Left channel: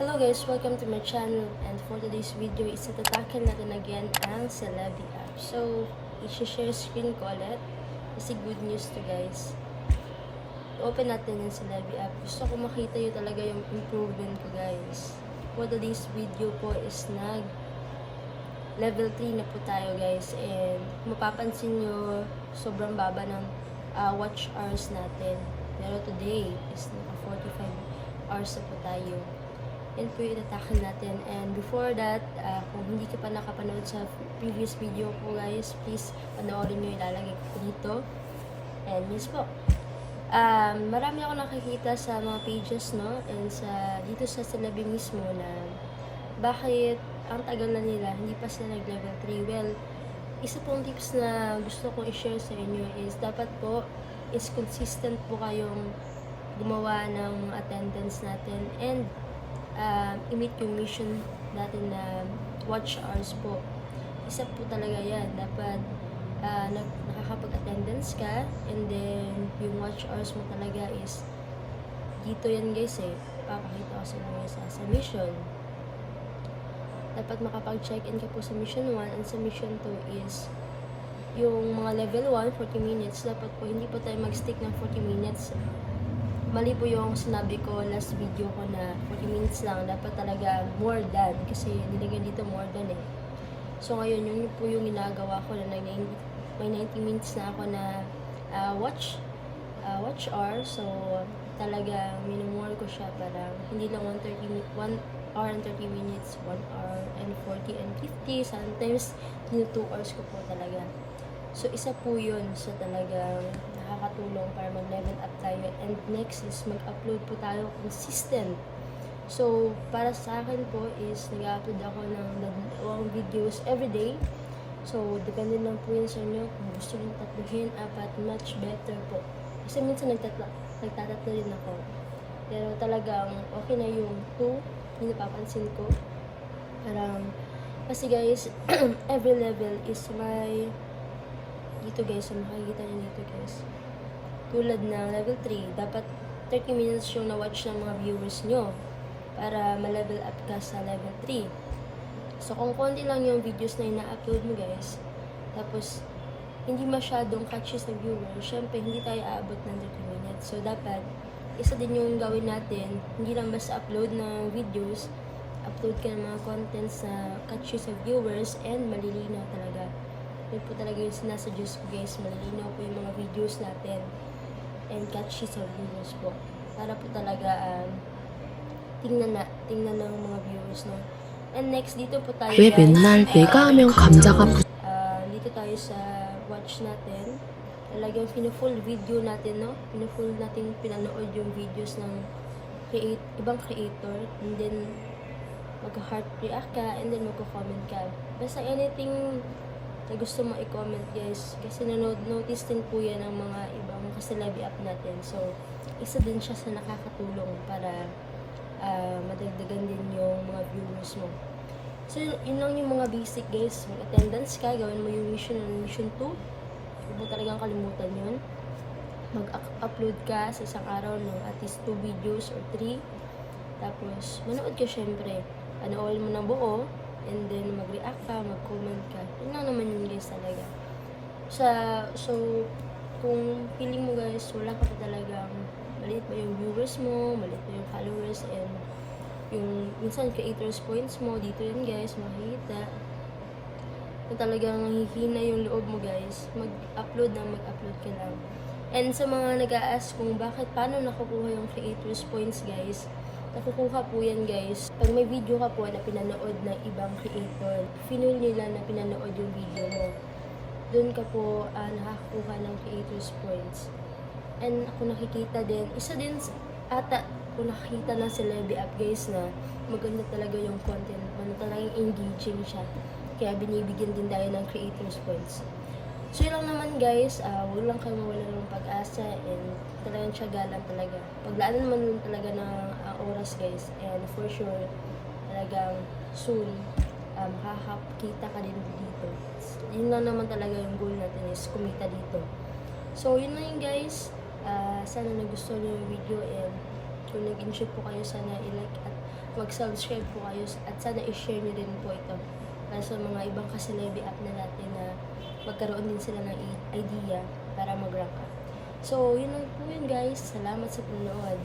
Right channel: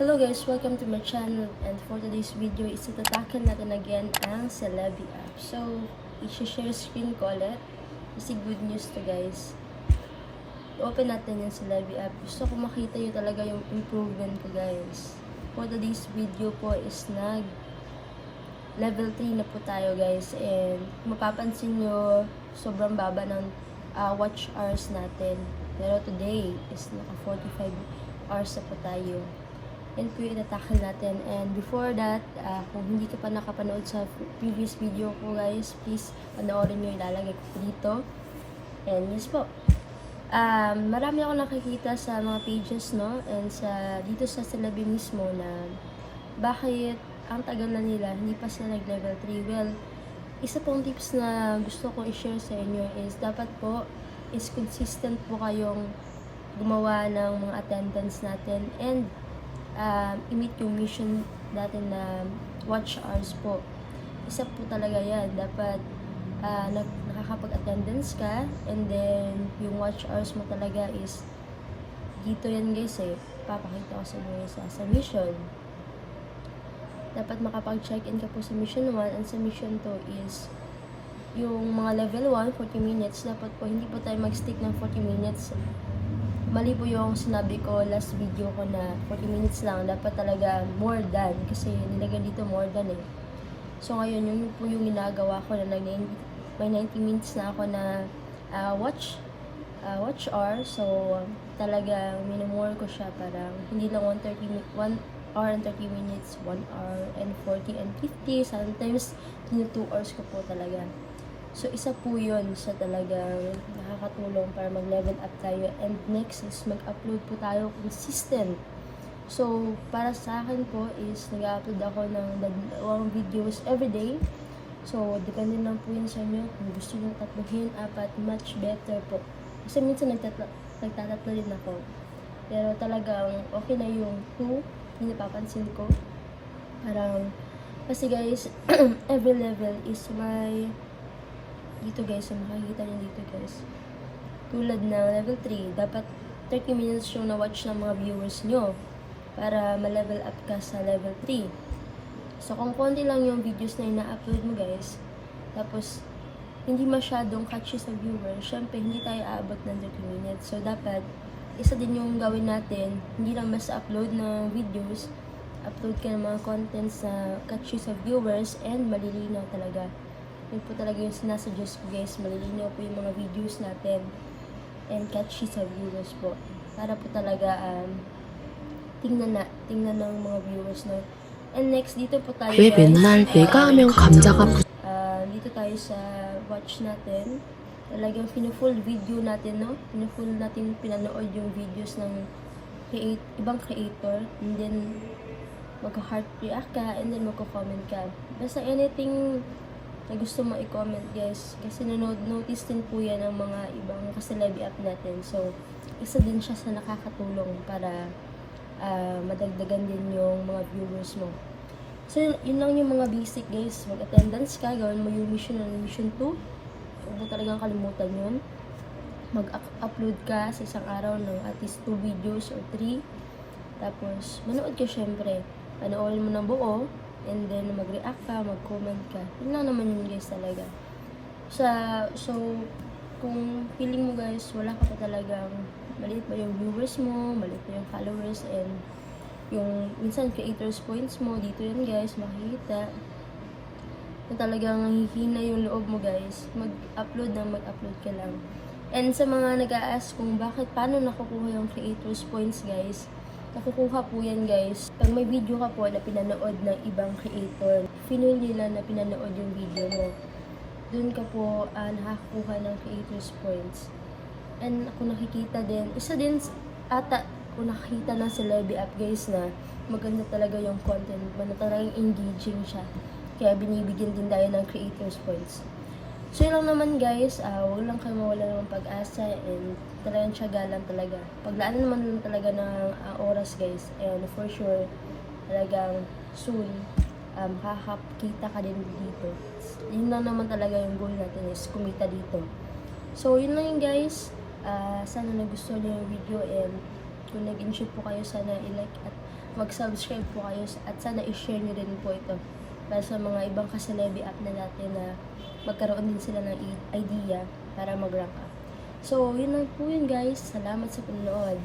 Hello guys, welcome to my channel, and for today's video is itatackle natin again ang Celebi app. So, i-share screen ko ulit kasi good news to guys. I-open natin yung Celebi app. Gusto ko makita yun talaga yung improvement ko guys. For today's video po is level 3 na po tayo guys, and mapapansin nyo sobrang baba ng watch hours natin. Pero today is naka 45 hours na po tayo. Yan po yung itatakal natin. And before that, kung hindi ka pa nakapanood sa previous video ko guys, please panoorin nyo, ilalagay ko po dito. And yes po, marami ako nakikita sa mga pages, no, and dito sa Celebi mismo na bakit ang tagal na nila, hindi pa sila nag-level 3. Well, isa pong tips na gusto ko i-share sa inyo is dapat po is consistent po kayong gumawa ng mga attendance natin and i-meet yung mission natin na watch hours po. Isa po talaga yan. Dapat nakakapag-attendance ka, and then yung watch hours mo talaga is dito yan guys papakita ko sa inyo sa mission. Dapat makapag-check-in ka po sa mission 1, and sa mission 2 is yung mga level 1, 40 minutes. Dapat po hindi po tayo mag-stick ng 40 minutes. Mali po yung sinabi ko last video ko na 40 minutes lang. Dapat talaga more than, kasi nilagay dito more than So ngayon, yun po yung ginagawa ko na may 90 minutes na ako na watch hour. So talaga minumore ko siya para hindi lang 1 hour and 30 minutes, 1 hour and 40 and 50. Sometimes 2 hours ko po talaga. So, isa po yun sa talagang nakakatulong para mag-level up tayo. And next is mag-upload po tayo consistent. So, para sa akin po is nag-upload ako ng 2 videos everyday. So, depende lang po yun sa inyo. Kung gusto nyo tatluhin, 4, much better po. Kasi minsan nagtatatlo din ako. Pero talagang okay na yung 2, hindi napapansin ko. Parang, kasi guys, every level is may dito guys, makikita nyo dito guys. Tulad na level 3, dapat 30 minutes yung na-watch ng mga viewers nyo para ma-level up ka sa level 3. So, kung konti lang yung videos na ina-upload mo guys, tapos hindi masyadong catchy sa viewers, syempre hindi tayo aabot ng 30 minutes. So, dapat isa din yung gawin natin, hindi lang basta upload ng videos, upload ka ng mga contents na catchy sa viewers and malilinaw talaga. Yun po talaga yung sinasuggest ko guys, malilinaw po yung mga videos natin and catchy sa viewers po. Para po talaga tingnan ng mga viewers na. And next, dito po tayo 왜 맨날 내가 하면 감자가 dito tayo sa watch natin. Talagang full video natin, no? Full natin pinanood yung videos ng ibang creator, and then magka-heart react ka, and then magko-comment ka. Basta anything na gusto mo i-comment guys, kasi notice din po yan ng mga ibang ka-Celebi app natin. So, isa din siya sa nakakatulong para madagdagan din yung mga viewers mo. So, yun lang yung mga basic guys. Mag-attendance ka, gawin mo yung mission 2. Huwag mo talagang kalimutan yun. Mag-upload ka sa isang araw ng at least 2 videos or 3. Tapos, manood ka syempre. Panoorin mo ng buo. And then, mag-react ka, mag-comment ka. Yun lang naman yun guys talaga. So, kung feeling mo guys, wala ka pa talagang maliit pa yung viewers mo, maliit pa yung followers, and yung minsan creators points mo, dito yan guys, makikita na talagang nahihina yung loob mo guys, mag-upload ka lang. And sa mga nag-a-ask kung paano nakukuha yung creators points guys, nakukuha po yan guys pag may video ka po na pinanood ng ibang creator, finul nila na pinanood yung video mo, dun ka po nakakakuha ng creators points. And ako nakikita din, isa din ata kung nakikita na Celebi app guys na maganda talaga yung content, talagang engaging siya, kaya binibigyan din tayo ng creators points. So yun lang naman guys, huwag lang kayo mawala ng pag-asa, and talagang tiyaga lang talaga. Paglaanan naman lang talaga ng oras guys, and for sure, talagang soon, makakakita ka din dito. Yun lang naman talaga yung goal natin is kumita dito. So yun lang yun guys, sana nagustuhan nyo yung video, and Kung nag-enjoy po kayo, sana i-like at mag-subscribe po kayo at sana i-share nyo din po ito para sa mga ibang kaselebi app na natin na magkaroon din sila ng idea para mag-rank up. So, yun lang po yun guys. Salamat sa panonood.